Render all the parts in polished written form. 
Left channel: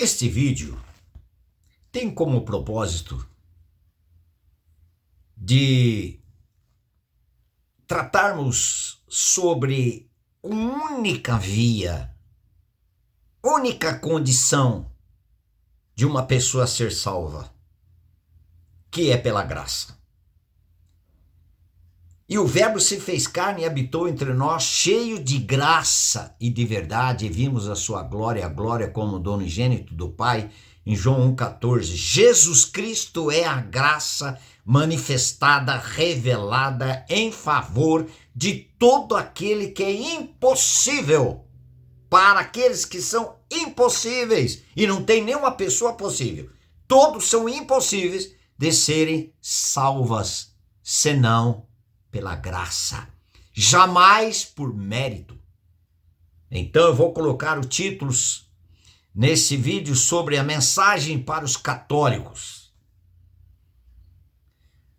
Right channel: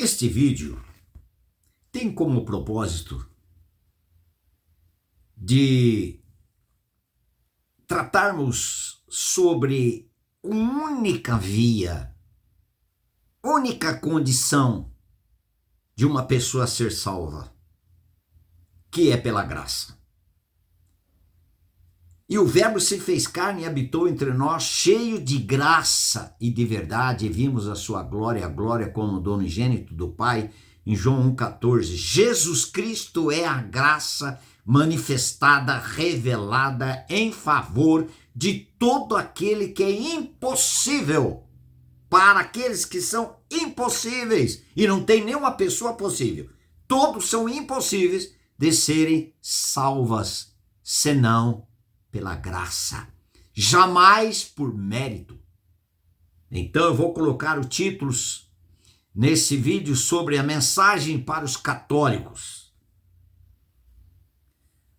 Este vídeo tem como propósito de tratarmos sobre uma única via, única condição de uma pessoa ser salva, que é pela graça. E o Verbo se fez carne e habitou entre nós, cheio de graça e de verdade, e vimos a sua glória, a glória como do unigênito do Pai, em João 1,14. Jesus Cristo é a graça manifestada, revelada em favor de todo aquele que é impossível, para aqueles que são impossíveis, e não tem nenhuma pessoa possível. Todos são impossíveis de serem salvas, senão pela graça, jamais por mérito. Então eu vou colocar os títulos nesse vídeo sobre a mensagem para os católicos.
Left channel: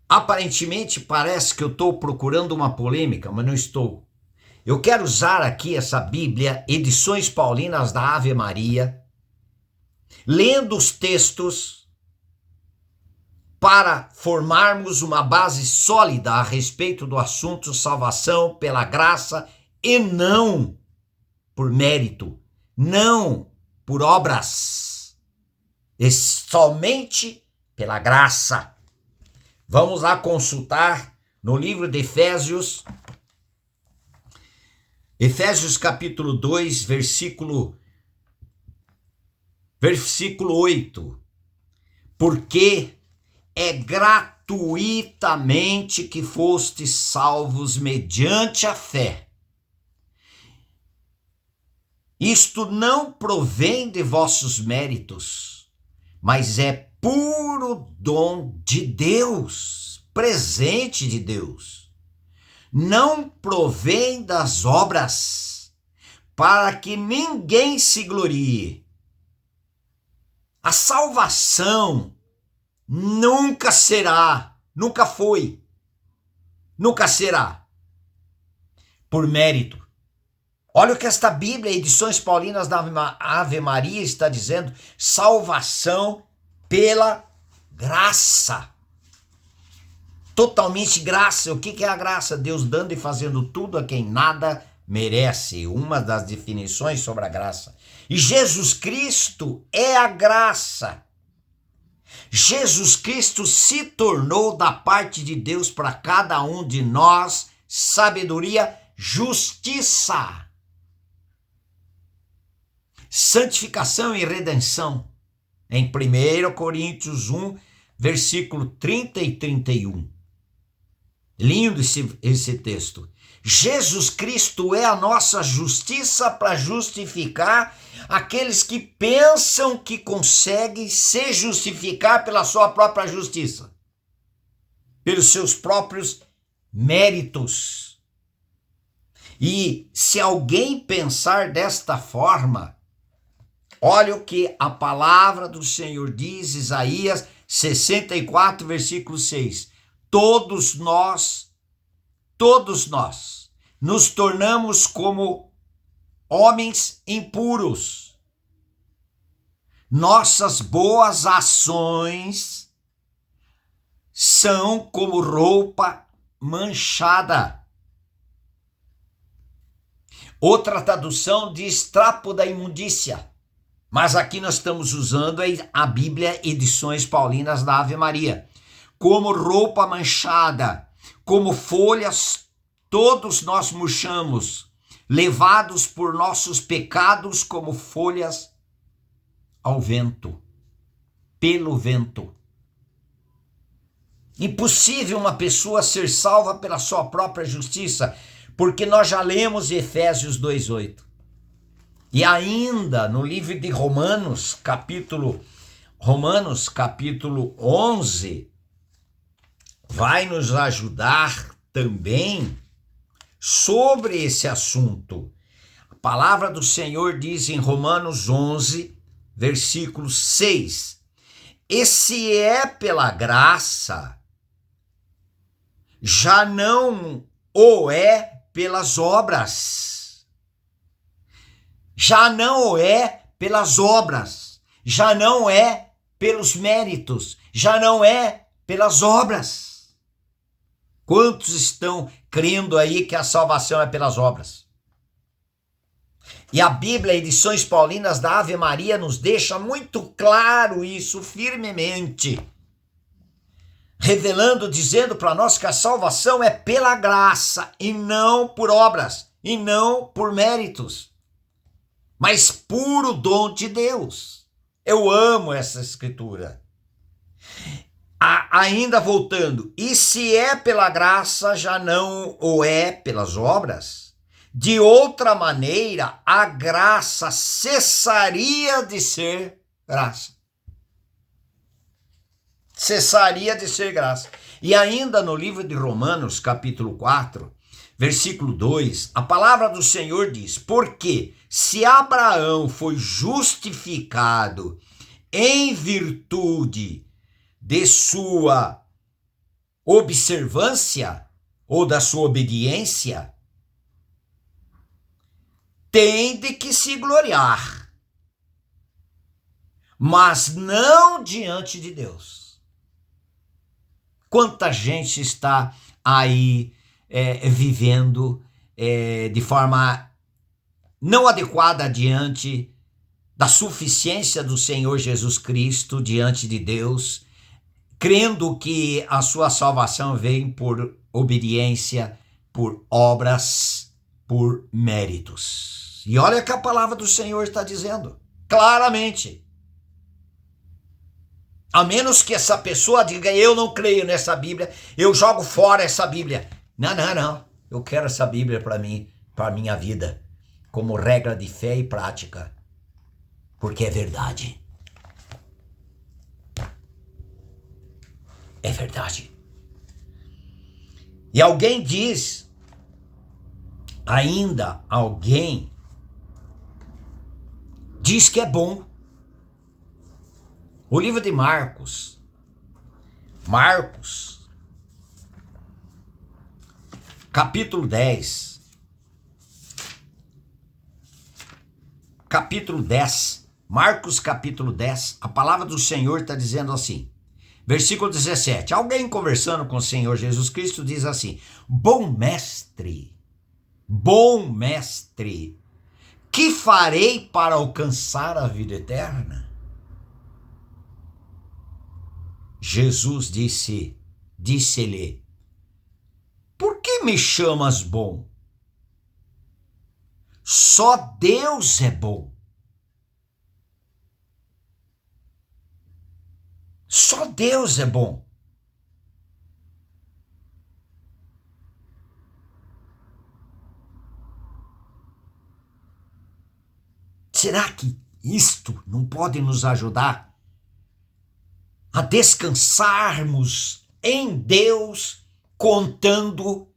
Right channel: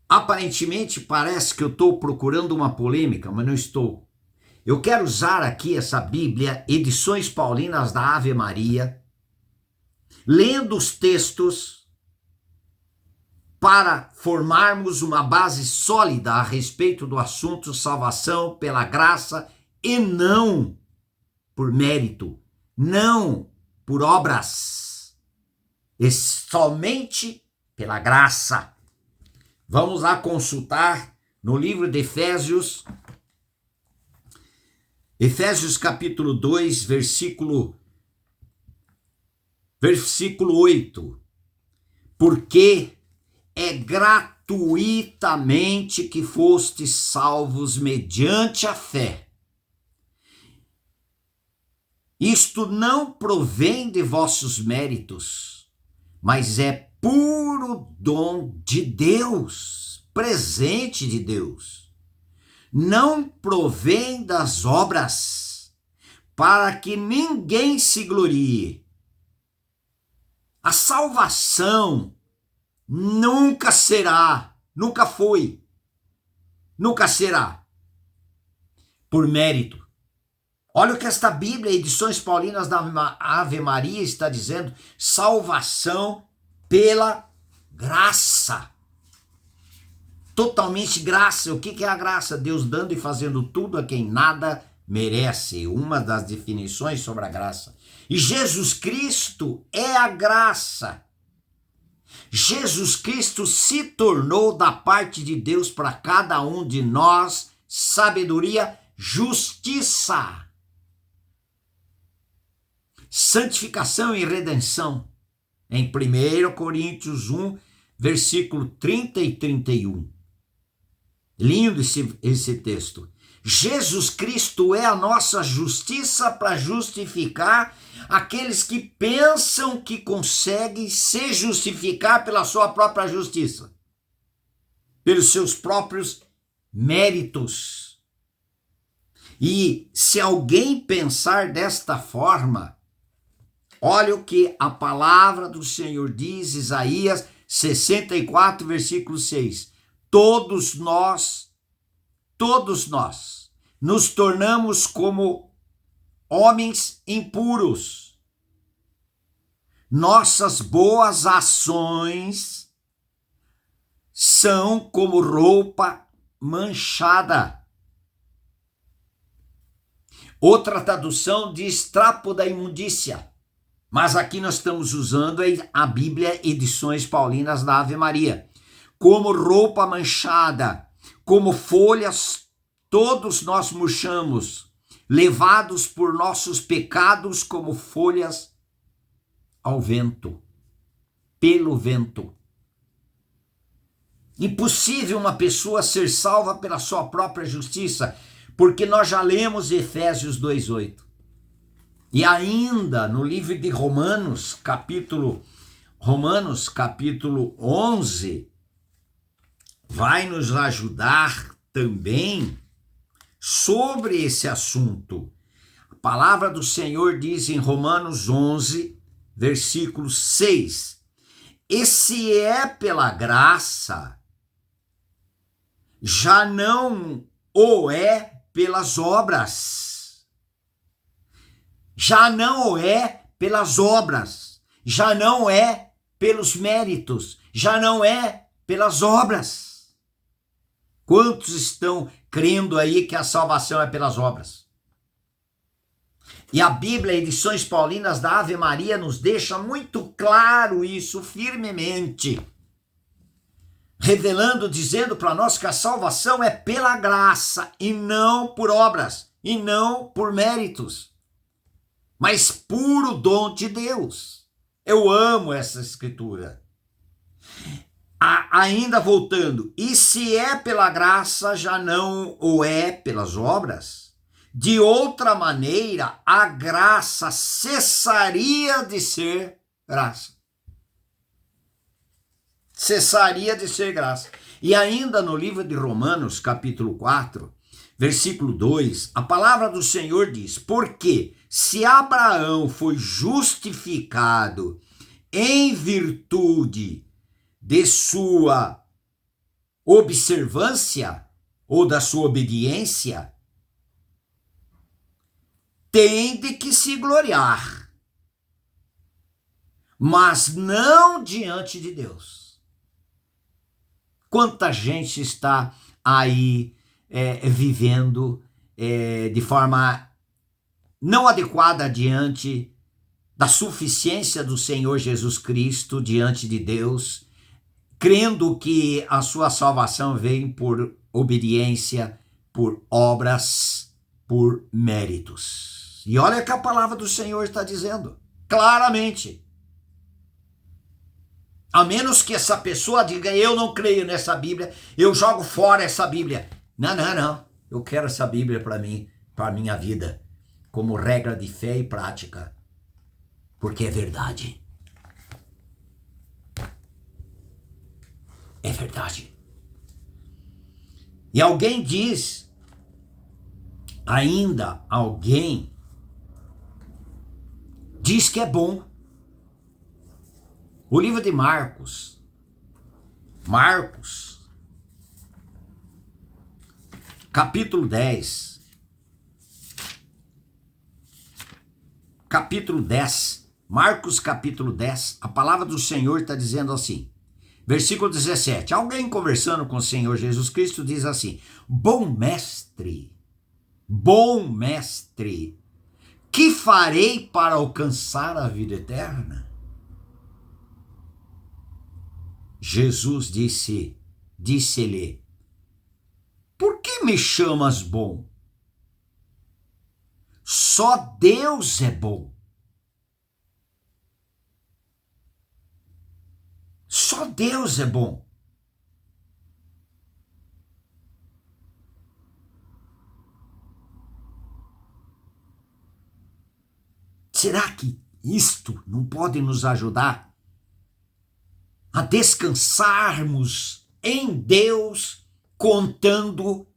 Aparentemente parece que eu estou procurando uma polêmica, mas não estou. Eu quero usar aqui essa Bíblia, Edições Paulinas da Ave Maria, lendo os textos para formarmos uma base sólida a respeito do assunto salvação pela graça e não por mérito, não por obras, e somente pela graça. Vamos lá consultar no livro de Efésios capítulo 2, versículo 8. Porque é gratuitamente que fostes salvos mediante a fé. Isto não provém de vossos méritos, mas é puro dom de Deus, presente de Deus. Não provém das obras, para que ninguém se glorie. A salvação nunca será, nunca foi, nunca será por mérito. Olha o que esta Bíblia, Edições Paulinas da Ave Maria, está dizendo: salvação pela graça. Totalmente graça. O que é a graça? Deus dando e fazendo tudo a quem nada merece. Uma das definições sobre a graça. E Jesus Cristo é a graça. Jesus Cristo se tornou da parte de Deus para cada um de nós sabedoria, justiça, santificação e redenção. Em 1 Coríntios 1, versículo 30 e 31. Lindo esse texto. Jesus Cristo é a nossa justiça para justificar aqueles que pensam que conseguem se justificar pela sua própria justiça, pelos seus próprios méritos. E se alguém pensar desta forma, olha o que a palavra do Senhor diz, Isaías 64, versículo 6. Todos nós nos tornamos como homens impuros. Nossas boas ações são como roupa manchada. Outra tradução diz trapo da imundícia. Mas aqui nós estamos usando a Bíblia Edições Paulinas da Ave Maria. Como roupa manchada, como folhas, todos nós murchamos, levados por nossos pecados como folhas ao vento, pelo vento. Impossível uma pessoa ser salva pela sua própria justiça, porque nós já lemos Efésios 2:8. E ainda no livro de Romanos, capítulo 11, vai nos ajudar também sobre esse assunto. A palavra do Senhor diz em Romanos 11, versículo 6: E se é pela graça, já não o é pelas obras. Já não o é pelas obras. já não é pelos méritos, já não é pelas obras. Quantos estão crendo aí que a salvação é pelas obras? E a Bíblia, Edições Paulinas da Ave Maria, nos deixa muito claro isso firmemente, revelando, dizendo para nós que a salvação é pela graça e não por obras, e não por méritos, mas puro dom de Deus. Eu amo essa escritura. Ainda voltando, e se é pela graça, já não o é pelas obras? De outra maneira, a graça cessaria de ser graça. Cessaria de ser graça. E ainda no livro de Romanos, capítulo 4, versículo 2, a palavra do Senhor diz: porque se Abraão foi justificado em virtude de sua observância ou da sua obediência, tem de que se gloriar, mas não diante de Deus. Quanta gente está aí vivendo de forma não adequada diante da suficiência do Senhor Jesus Cristo, diante de Deus, crendo que a sua salvação vem por obediência, por obras, por méritos. E olha que a palavra do Senhor está dizendo claramente. A menos que essa pessoa diga: eu não creio nessa Bíblia, eu jogo fora essa Bíblia. Não. Eu quero essa Bíblia para mim, para a minha vida, como regra de fé e prática, porque é verdade. É verdade. E alguém diz, ainda alguém diz que é bom. O livro de Marcos, capítulo 10, Marcos capítulo 10, a palavra do Senhor está dizendo assim, versículo 17, alguém conversando com o Senhor Jesus Cristo diz assim: bom mestre, que farei para alcançar a vida eterna? Jesus disse-lhe: por que me chamas bom? Só Deus é bom. Só Deus é bom. Será que isto não pode nos ajudar a descansarmos em Deus, contando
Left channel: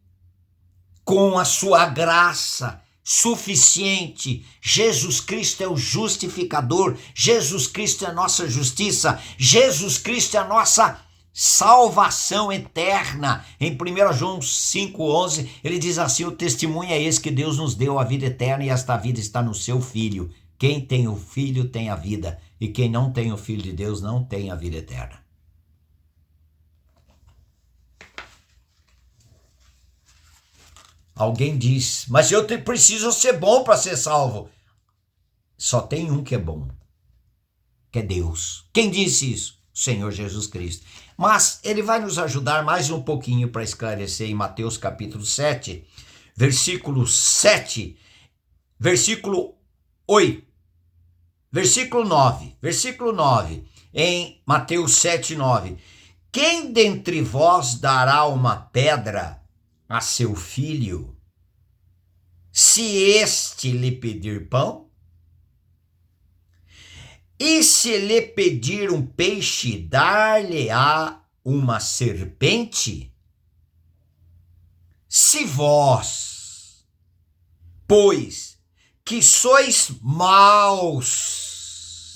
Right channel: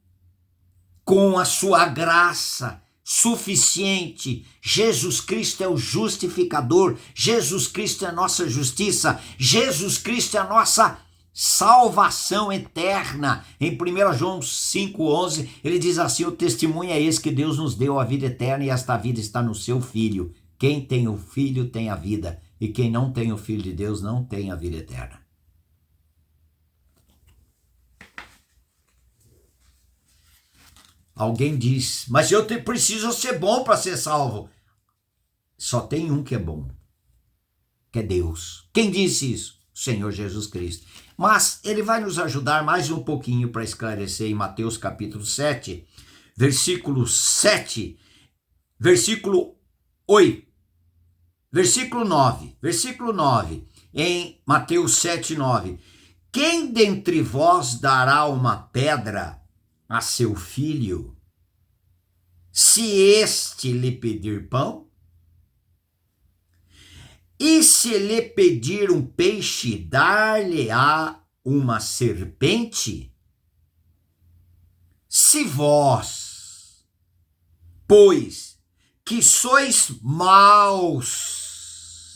com a sua graça suficiente? Jesus Cristo é o justificador, Jesus Cristo é a nossa justiça, Jesus Cristo é a nossa salvação eterna. Em 1 João 5,11, ele diz assim: o testemunho é esse, que Deus nos deu a vida eterna, e esta vida está no seu Filho. Quem tem o Filho tem a vida, e quem não tem o Filho de Deus não tem a vida eterna. Alguém diz: mas eu preciso ser bom para ser salvo. Só tem um que é bom, que é Deus. Quem disse isso? O Senhor Jesus Cristo. Mas ele vai nos ajudar mais um pouquinho para esclarecer em Mateus capítulo 7, versículo 7, versículo 8, versículo 9, em Mateus 7, 9. Quem dentre vós dará uma pedra a seu filho, se este lhe pedir pão? E se lhe pedir um peixe, dar-lhe-á uma serpente? Se vós, pois, que sois maus,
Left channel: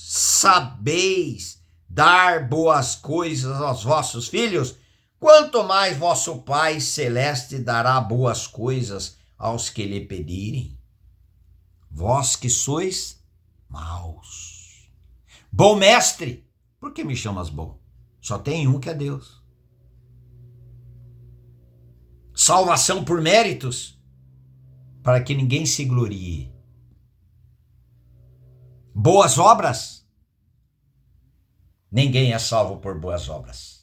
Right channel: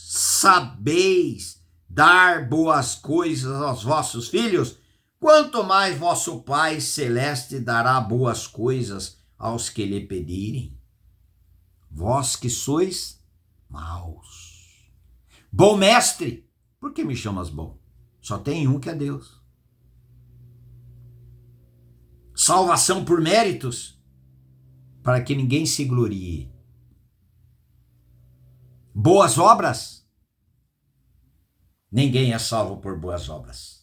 sabeis dar boas coisas aos vossos filhos, quanto mais vosso Pai Celeste dará boas coisas aos que lhe pedirem. Vós que sois maus, Bom mestre, por que me chamas bom? Só tem um que é Deus. Salvação por méritos, para que ninguém se glorie. Boas obras, ninguém é salvo por boas obras.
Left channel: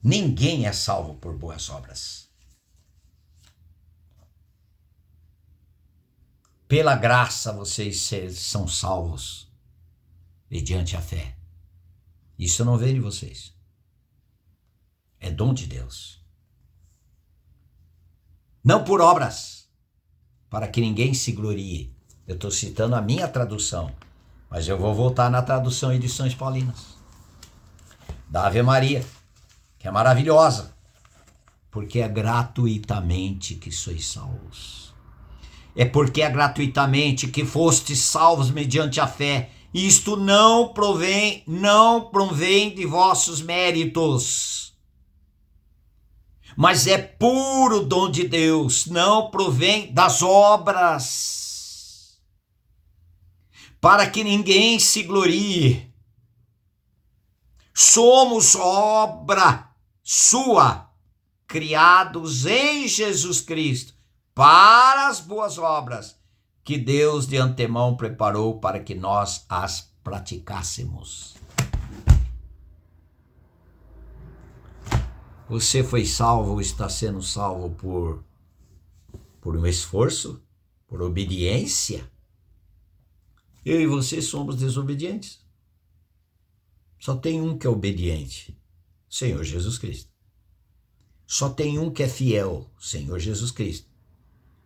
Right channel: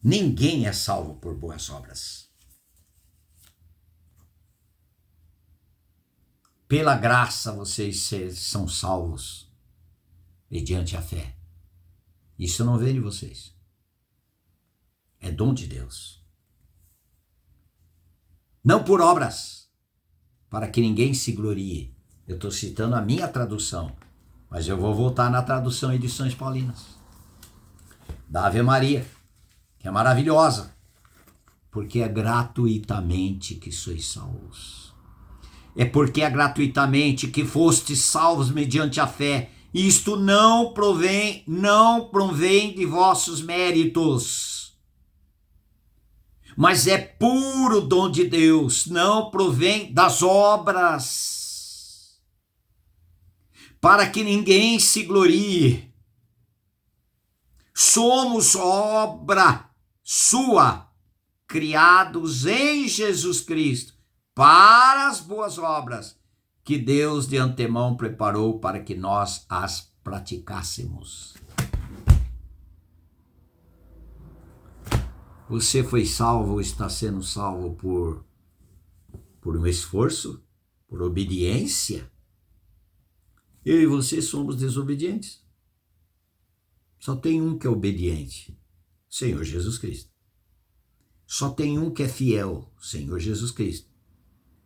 Ninguém é salvo por boas obras. Pela graça vocês são salvos, mediante a fé. Isso não vem de vocês. É dom de Deus. Não por obras, para que ninguém se glorie. Eu estou citando a minha tradução, mas eu vou voltar na tradução Edições Paulinas, da Ave Maria, que é maravilhosa, porque é gratuitamente que sois salvos. É porque é gratuitamente que fostes salvos mediante a fé. Isto não provém de vossos méritos, mas é puro dom de Deus, não provém das obras, para que ninguém se glorie. Somos obra sua, criados em Jesus Cristo, para as boas obras que Deus de antemão preparou para que nós as praticássemos. Você foi salvo ou está sendo salvo por um esforço, por obediência? Eu e você somos desobedientes. Só tem um que é obediente, Senhor Jesus Cristo. Só tem um que é fiel, Senhor Jesus Cristo.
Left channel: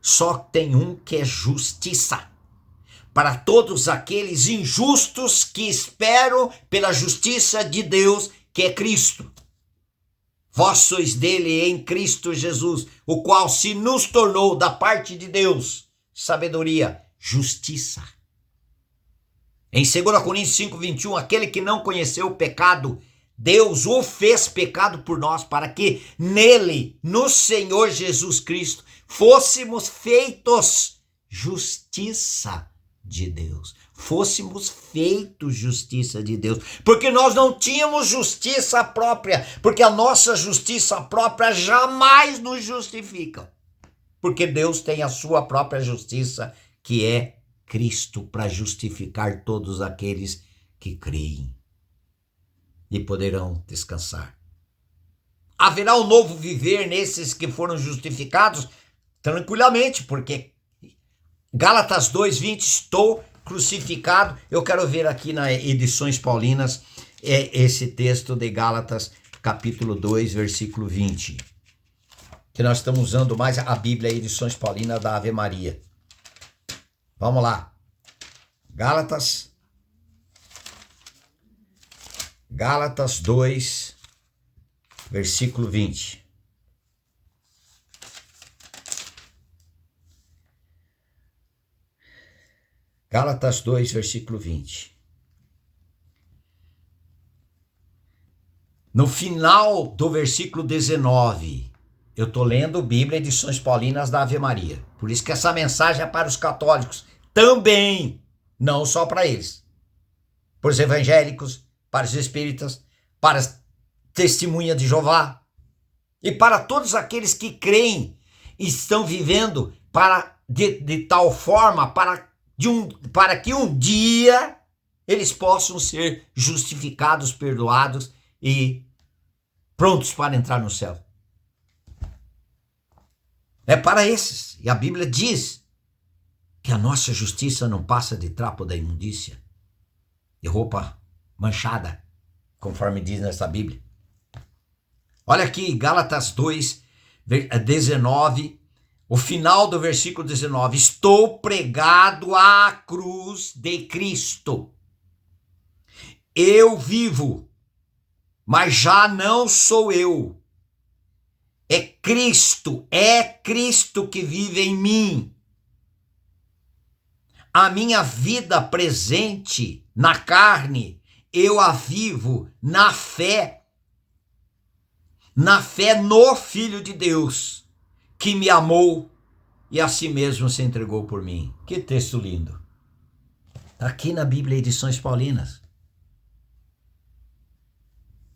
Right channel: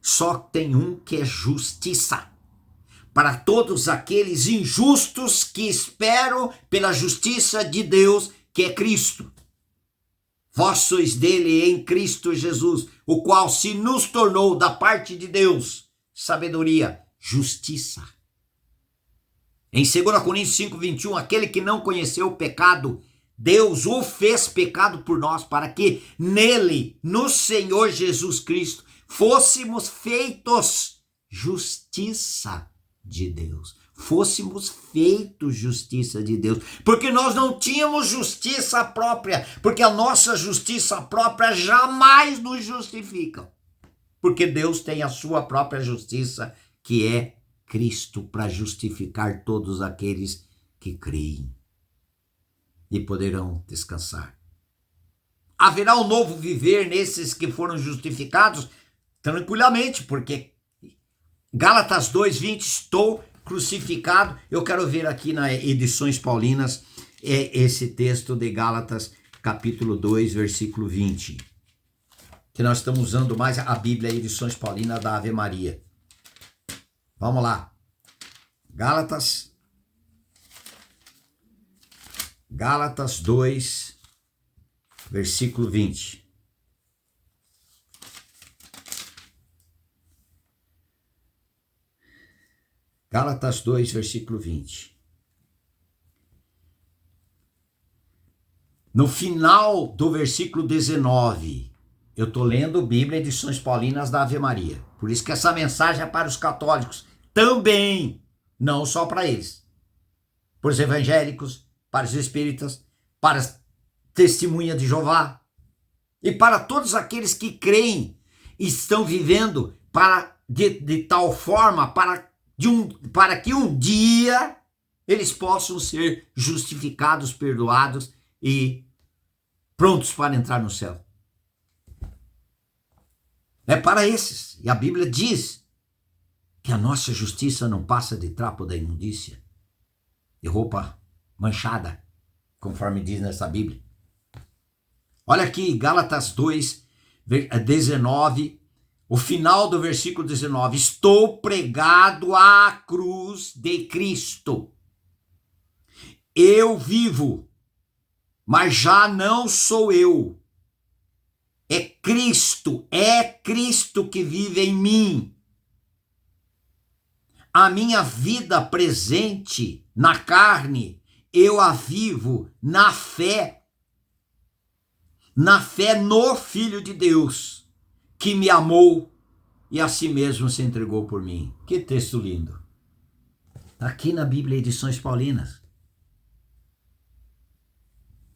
Só tem um que é justiça, para todos aqueles injustos que esperam pela justiça de Deus, que é Cristo. Vós sois dele em Cristo Jesus, o qual se nos tornou da parte de Deus sabedoria, justiça. Em 2 Coríntios 5:21, aquele que não conheceu o pecado, Deus o fez pecado por nós, para que nele, no Senhor Jesus Cristo, fôssemos feitos justiça de Deus. Fôssemos feitos justiça de Deus. Porque nós não tínhamos justiça própria. Porque a nossa justiça própria jamais nos justifica. Porque Deus tem a sua própria justiça, que é Cristo, para justificar todos aqueles que creem. E poderão descansar. Haverá um novo viver nesses que foram justificados? Tranquilamente, porque Gálatas 2:20, estou crucificado. Eu quero ver aqui na Edições Paulinas esse texto de Gálatas, capítulo 2, versículo 20. Que nós estamos usando mais a Bíblia, Edições Paulinas da Ave Maria. Vamos lá. Gálatas 2, versículo 20. Gálatas 2, versículo 20. No final do versículo 19, eu estou lendo Bíblia, Edições Paulinas da Ave Maria. Por isso que essa mensagem é para os católicos também, não só para eles. Para os evangélicos, para os espíritas, para as testemunhas de Jeová e para todos aqueles que creem e estão vivendo de tal forma para que um dia eles possam ser justificados, perdoados e prontos para entrar no céu. É para esses. E a Bíblia diz que a nossa justiça não passa de trapo da imundícia, de roupa manchada, conforme diz nessa Bíblia. Olha aqui, Gálatas 2, 19, o final do versículo 19. Estou pregado à cruz de Cristo. Eu vivo, mas já não sou eu. É Cristo que vive em mim. A minha vida presente na carne, eu a vivo na fé no Filho de Deus, que me amou e a si mesmo se entregou por mim. Que texto lindo. aqui na Bíblia Edições Paulinas.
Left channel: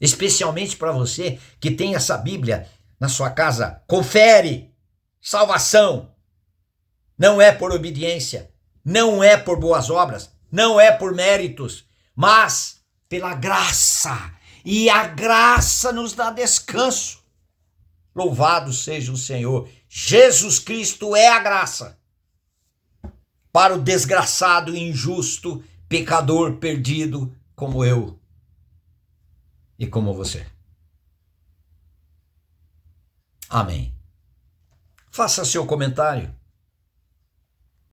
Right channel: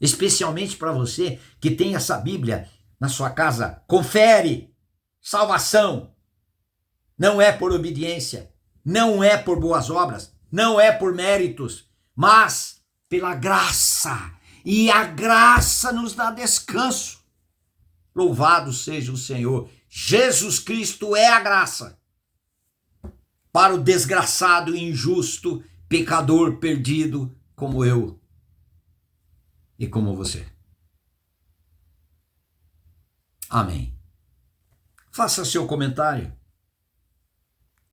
Especialmente para você que tem essa Bíblia na sua casa, confere. Salvação não é por obediência, não é por boas obras, não é por méritos, mas pela graça. E a graça nos dá descanso. Louvado seja o Senhor. Jesus Cristo é a graça para o desgraçado, injusto, pecador perdido como eu e como você. Amém. Faça seu comentário.